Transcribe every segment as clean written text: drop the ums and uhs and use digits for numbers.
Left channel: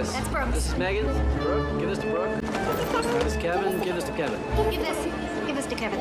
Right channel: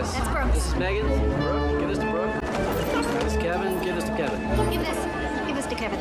this? That's Brooke's. This is Megan's. Brooke, give this to Brooke. This is Kevin, give this to Kevin. Give this to Kevin.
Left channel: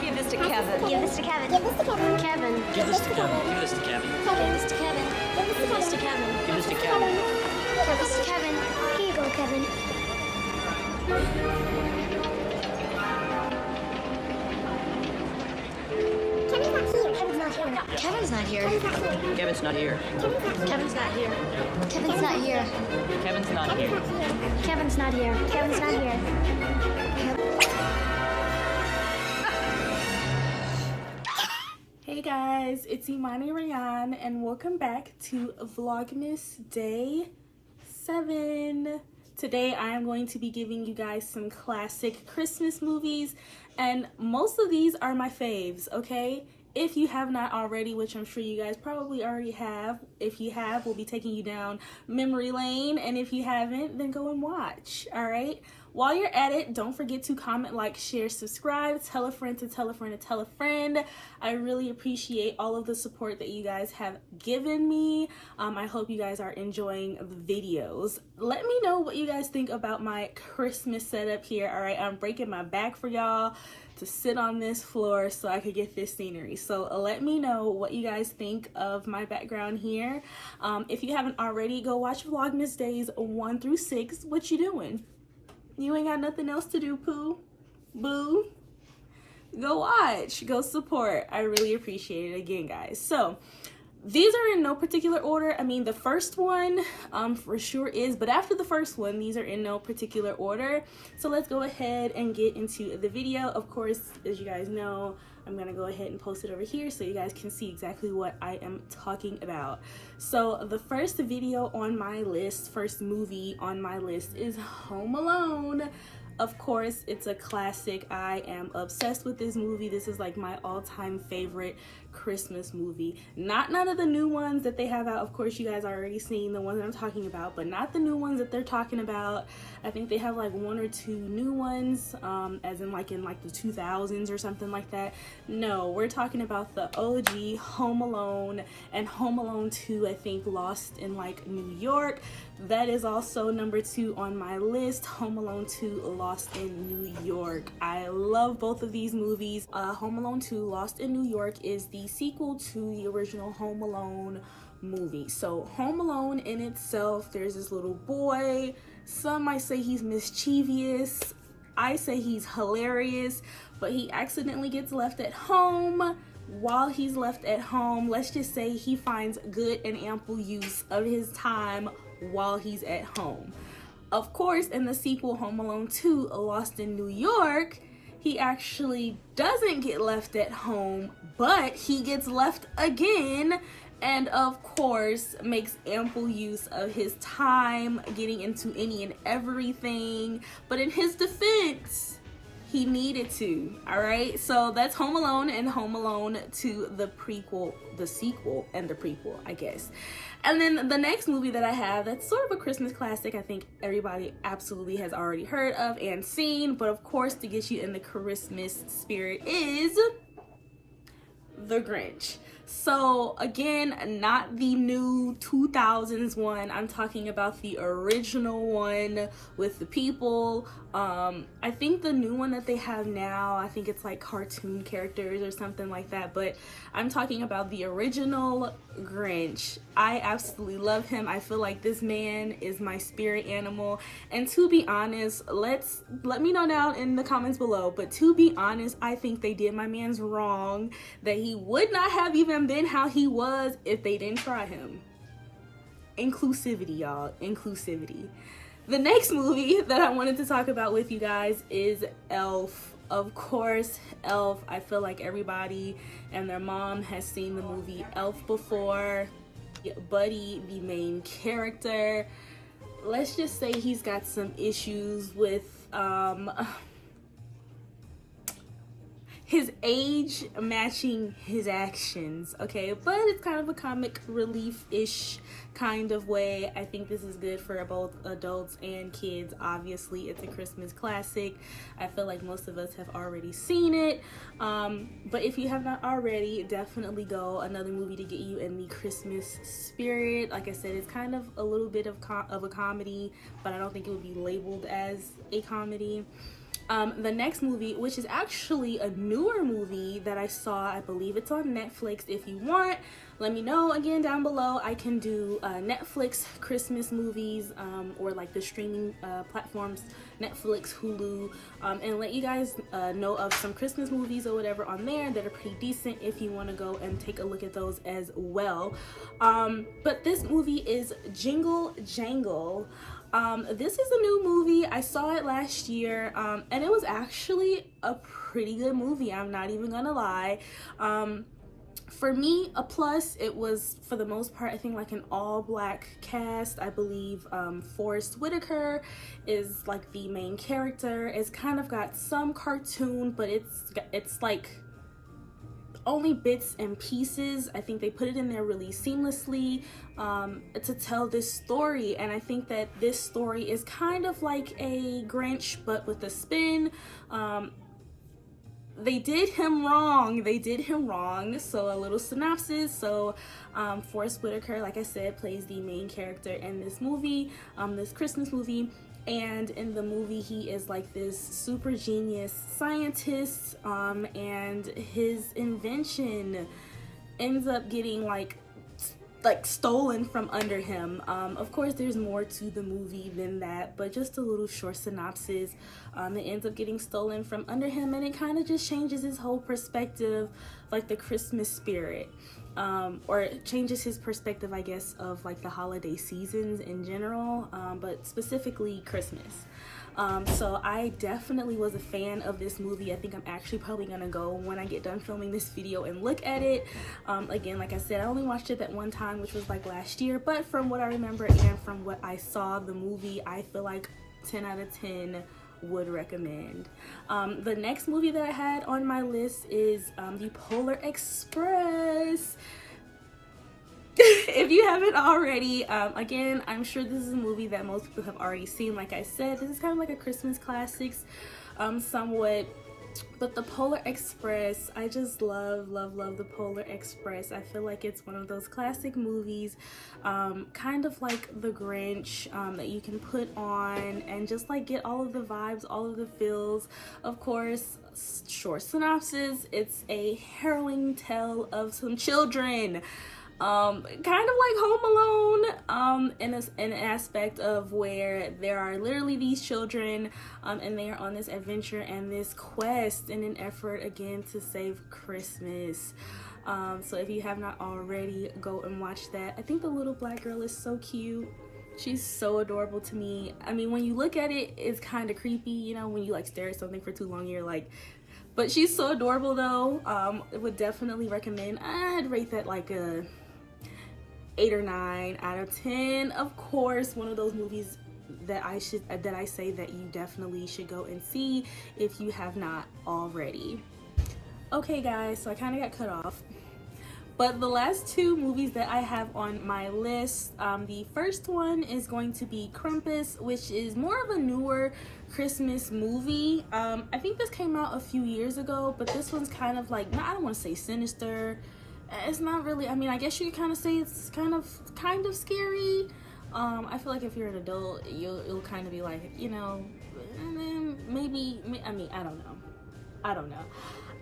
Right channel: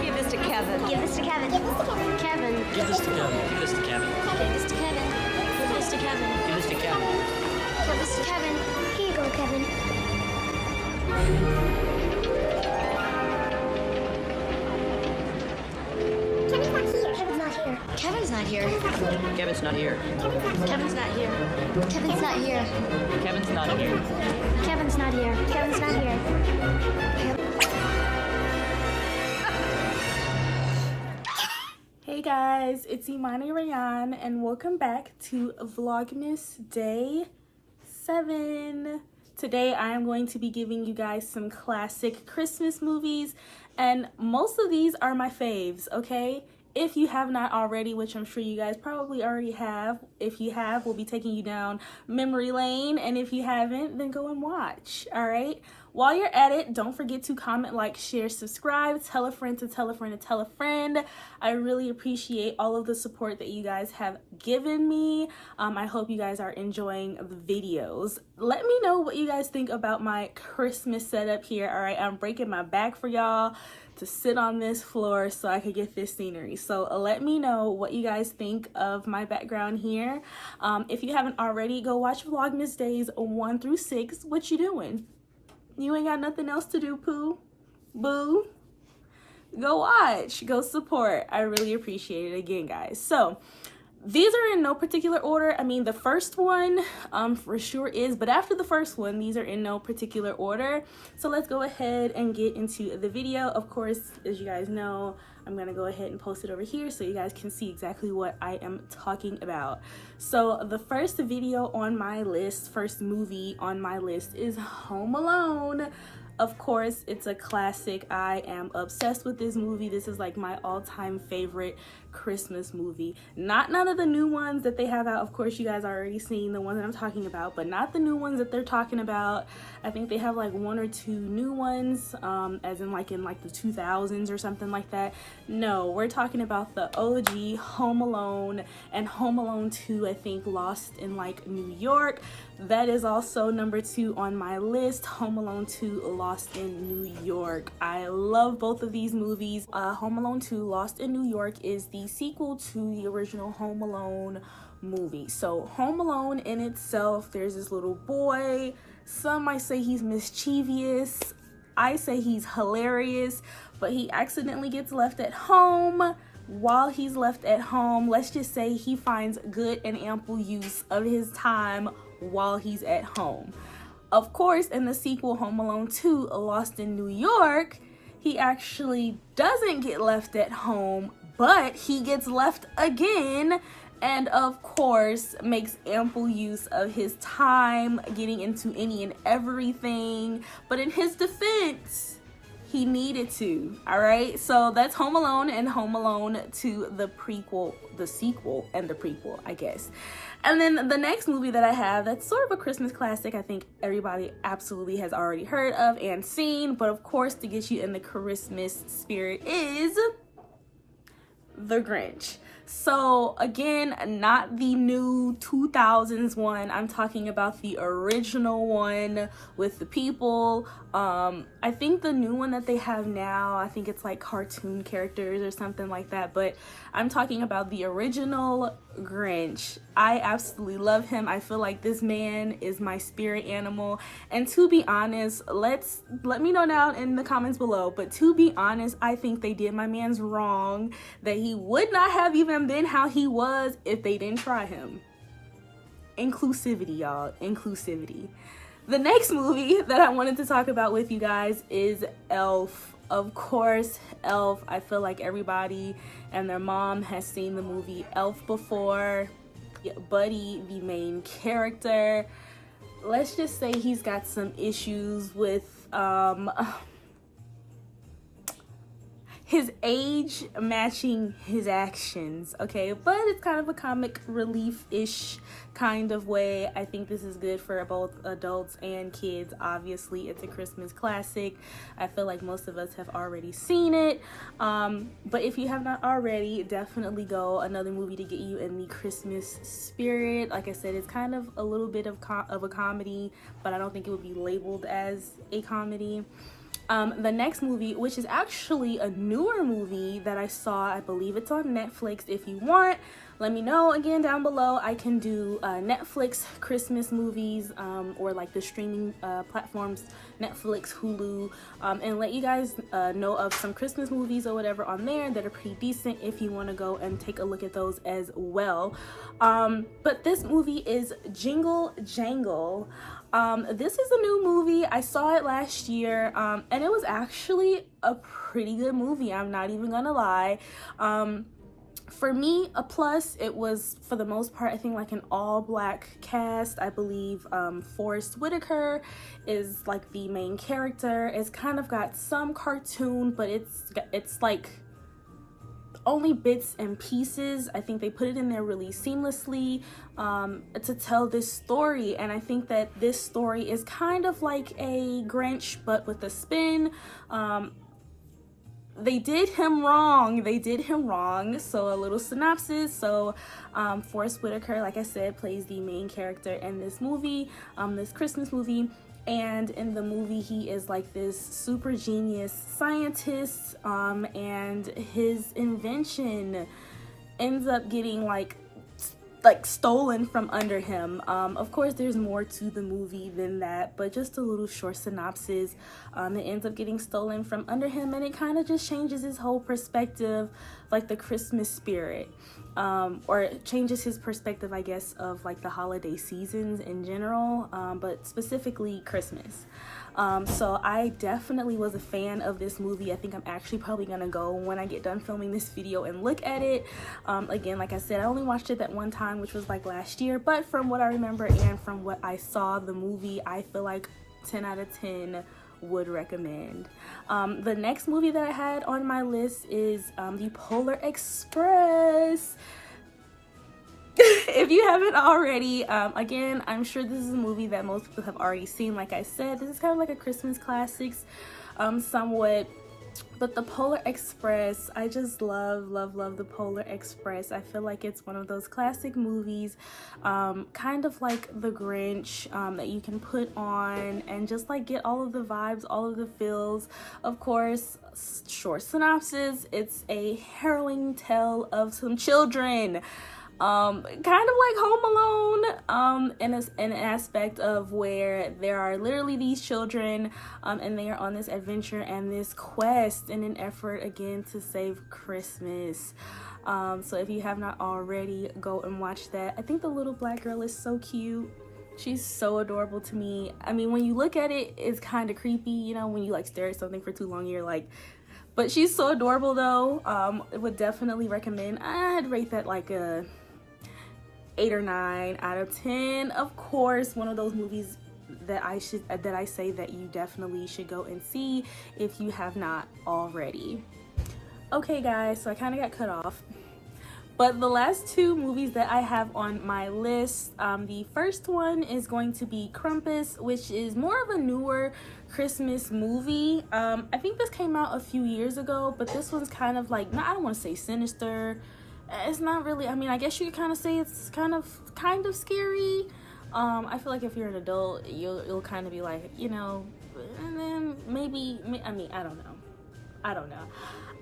Give this to Kevin. Give this to Kevin. Kevin. Give this to Kevin. Give this to Kevin. Give this to Kevin. Give this to Kevin. Give this to Kevin. Give this to Kevin. Here you go, Kevin. Kevin's not here. Kevin's not here. Kevin's not here. Kevin's not here. Kevin's not here. Kevin's not here. Kevin's not here. Hey guys, it's Imani Ry'Onne and welcome back to Vlogmas Day 7. Today I am going to be giving you guys some classic Christmas movies, and most of these are my faves, okay? If you have not already, which I'm sure you guys probably already have, if you have, we'll be taking you down memory lane, and if you haven't, then go and watch, all right? While you're at it, don't forget to comment, like, share, subscribe, tell a friend to tell a friend to tell a friend. I really appreciate all of the support that you guys have given me. I hope you guys are enjoying the videos. Let me know what you guys think about my Christmas setup here, all right? I'm breaking my back for y'all to sit on this floor so I could get this scenery. So let me know what you guys think of my background here. If you haven't already, go watch Vlogmas Days 1 through 6. What you doing? You ain't got nothing else to do, Pooh? Boo? Go watch. Go support. I really appreciate it again, guys. So these are in no particular order. I mean, the first one for sure is, but after the first one, these are in no particular order. So let's go ahead and get into the video. Of course, as you guys know, I'm gonna go ahead and post it over here so you guys can see exactly what I am talking about. So the first video on my list, first movie on my list is Home Alone. Of course, it's a classic. I am obsessed with this movie. This is like my all-time favorite Christmas movie. Not none of the new ones that they have out. Of course, you guys are already seen the ones that I'm talking about, but not the new ones that they're talking about. I think they have like 1 or 2 new ones, as in like the 2000s or something like that. No, we're talking about the OG Home Alone and Home Alone 2, I think Lost in like New York. That is also number 2 on my list, Home Alone 2 Lost in New York. I love both of these movies. Home Alone 2 Lost in New York is the sequel to the original Home Alone movie. So Home Alone in itself, there's this little boy. Some might say he's mischievous. I say he's hilarious, but he accidentally gets left at home. While he's left at home, let's just say he finds good and ample use of his time while he's at home. Of course, in the sequel, Home Alone 2, Lost in New York, he actually doesn't get left at home, but he gets left again, and of course makes ample use of his time getting into any and everything. But in his defense, he needed to. All right, so that's Home Alone and Home Alone 2, the prequel, the sequel, and the prequel, I guess. And then the next movie that I have, that's sort of a Christmas classic, I think everybody absolutely has already heard of and seen, but of course to get you in the Christmas spirit, is The Grinch. So again, not the new 2000s one. I'm talking about the original one with the people. I think the new one that they have now, I think it's like cartoon characters or something like that, but I'm talking about the original Grinch. I absolutely love him. I feel like this man is my spirit animal. And to be honest, let me know down in the comments below, but to be honest, I think they did my man's wrong, that he would not have even been how he was if they didn't try him. Inclusivity, y'all. Inclusivity. The next movie that I wanted to talk about with you guys is Elf. Of course, Elf. I feel like everybody and their mom has seen the movie Elf before. Buddy, the main character, let's just say he's got some issues with his his age matching his actions, okay? But it's kind of a comic relief-ish kind of way. I think this is good for both adults and kids. Obviously, it's a Christmas classic. I feel like most of us have already seen it. But if you have not already, definitely go. Another movie to get you in the Christmas spirit. Like I said, it's kind of a little bit of a comedy, but I don't think it would be labeled as a comedy. The next movie, which is actually a newer movie that I saw, I believe it's on Netflix. If you want, let me know again down below. I can do Netflix Christmas movies, or like the streaming platforms, Netflix, Hulu, and let you guys know of some Christmas movies or whatever on there that are pretty decent if you want to go and take a look at those as well. But this movie is Jingle Jangle. This is a new movie. I saw it last year, and it was actually a pretty good movie. I'm not even gonna lie. For me, a plus. It was, for the most part, I think like an all-black cast. I believe Forrest Whitaker is like the main character. It's kind of got some cartoon, but it's like only bits and pieces. I think they put it in there really seamlessly to tell this story, and I think that this story is kind of like a Grinch but with a spin. They did him wrong. So a little synopsis. So Forrest Whitaker, like I said, plays the main character in this movie, this Christmas movie. And in the movie, he is like this super genius scientist, and his invention ends up getting like stolen from under him. Of course, there's more to the movie than that, but just a little short synopsis. It ends up getting stolen from under him, and it kind of just changes his whole perspective, like the Christmas spirit. Or it changes his perspective, I guess, of like the holiday seasons in general, but specifically Christmas. So I definitely was a fan of this movie. I think I'm actually probably gonna go when I get done filming this video and look at it. Again, like I said, I only watched it that one time, which was like last year, but from what I remember and from what I saw the movie, I feel like 10 out of 10 would recommend. The next movie that I had on my list is The Polar Express. If you haven't already, again, I'm sure this is a movie that most people have already seen. Like I said, this is kind of like a Christmas classics, somewhat. But The Polar Express, I just love The Polar Express. I feel like it's one of those classic movies, kind of like The Grinch, that you can put on and just like get all of the vibes, all of the feels. Of course, short synopsis, it's a harrowing tale of some children. Kind of like Home Alone, in an aspect of where there are literally these children, and they are on this adventure and this quest in an effort again to save Christmas. So if you have not already, go and watch that. I think the little black girl is so cute. She's so adorable to me. I mean, when you look at it, it's kind of creepy, you know, when you like stare at something for too long, you're like, but she's so adorable though. I would definitely recommend. I'd rate that like a 8 or 9 out of 10. Of course, one of those movies that I say that you definitely should go and see if you have not already. Okay guys, so I kind of got cut off, but the last two movies that I have on my list, the first one is going to be Krampus, which is more of a newer Christmas movie. I think this came out a few years ago, but this one's kind of like, I don't want to say sinister. It's not really, I mean, I guess you could kind of say it's kind of scary. I feel like if you're an adult, you'll kind of be like, you know, and then maybe, I mean, I don't know.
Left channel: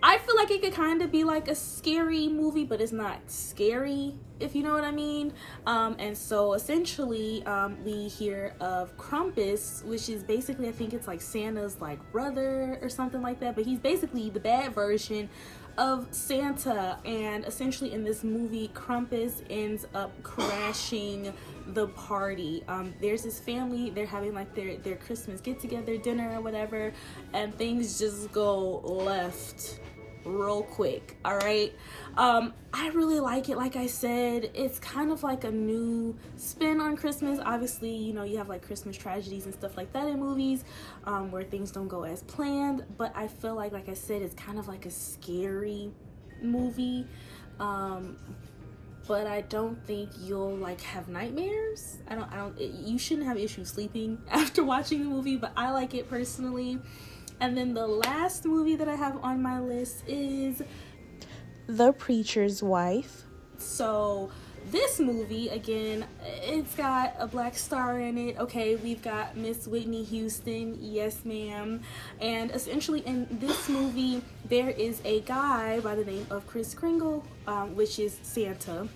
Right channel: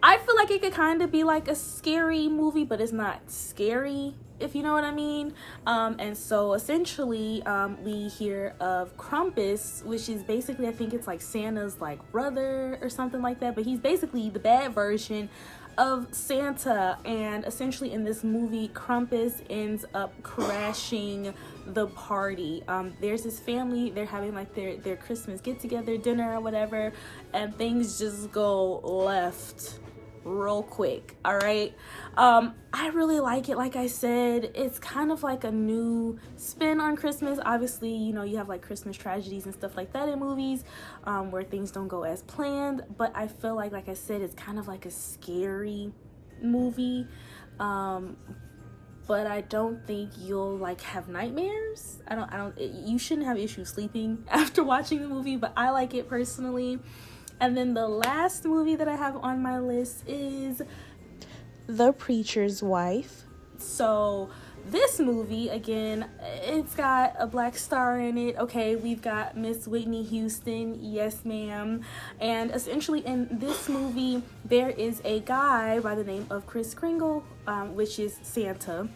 I feel like it could kind of be like a scary movie, but it's not scary, if you know what I mean. And so essentially, we hear of Krampus, which is basically, I think it's like Santa's like brother or something like that, but he's basically the bad version of Santa. And essentially in this movie, Krampus ends up crashing the party. There's this family, they're having like their Christmas get together dinner or whatever, and things just go left real quick. All right. I really like it. Like I said, it's kind of like a new spin on Christmas. Obviously, you know, you have like Christmas tragedies and stuff like that in movies, where things don't go as planned. But I feel like I said, it's kind of like a scary movie. But I don't think you'll like have nightmares. You shouldn't have issues sleeping after watching the movie, but I like it personally. And then the last movie that I have on my list is The Preacher's Wife. So this movie, again, it's got a black star in it. Okay, we've got Miss Whitney Houston, yes ma'am. And essentially in this movie, there is a guy by the name of Kris Kringle, which is Santa,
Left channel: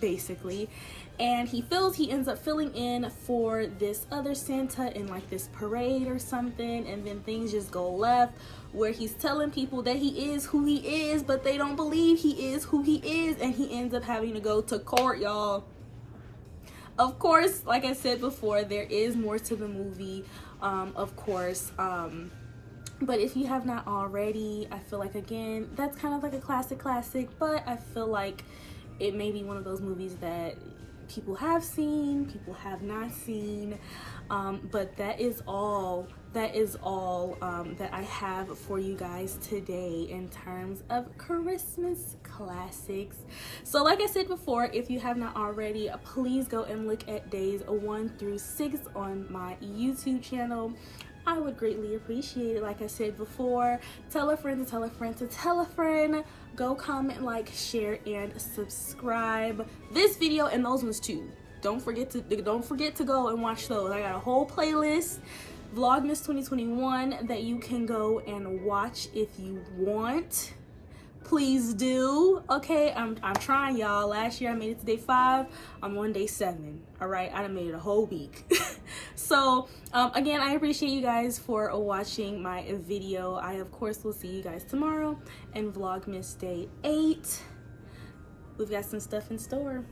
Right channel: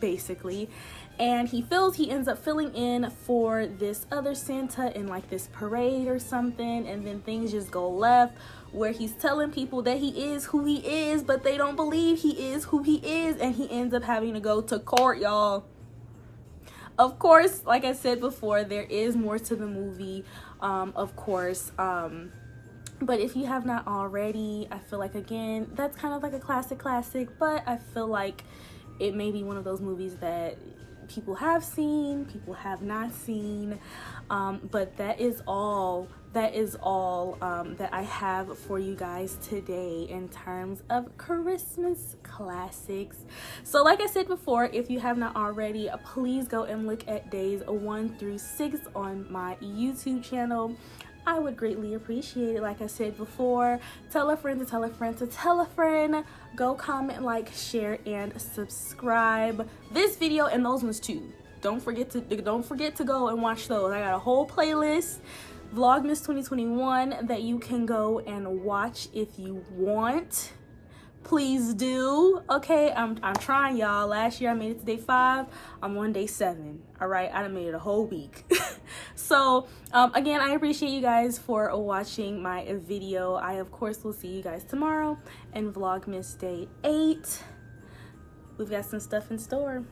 basically. And he ends up filling in for this other Santa in like this parade or something, and then things just go left, where he's telling people that he is who he is, but they don't believe he is who he is, and he ends up having to go to court, y'all. Of course, like I said before, there is more to the movie, of course, but if you have not already, I feel like, again, that's kind of like a classic, but I feel like it may be one of those movies that people have seen, people have not seen, but that is all that I have for you guys today in terms of Christmas classics. So like I said before, if you have not already, please go and look at days 1 through 6 on my YouTube channel. I would greatly appreciate it. Like I said before, tell a friend to tell a friend to tell a friend. Go comment, like, share, and subscribe this video and those ones too. Don't forget to go and watch those. I got a whole playlist, Vlogmas 2021, that you can go and watch if you want. Please do. Okay, I'm trying, y'all. Last year I made it to day 5. I'm on day 7. All right, I done made it a whole week. So again, I appreciate you guys for watching my video. I of course will see you guys tomorrow in Vlogmas day 8. We've got some stuff in store.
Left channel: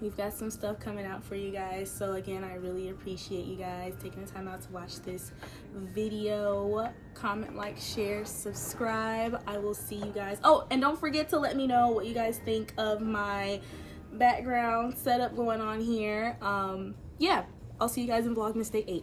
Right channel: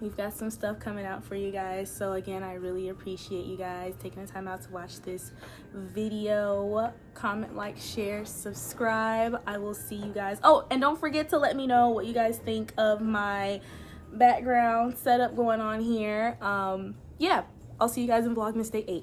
We've got some stuff coming out for you guys. So again, I really appreciate you guys taking the time out to watch this video. Comment, like, share, subscribe. I will see you guys. Oh, and don't forget to let me know what you guys think of my background setup going on here. Yeah, I'll see you guys in Vlogmas day 8.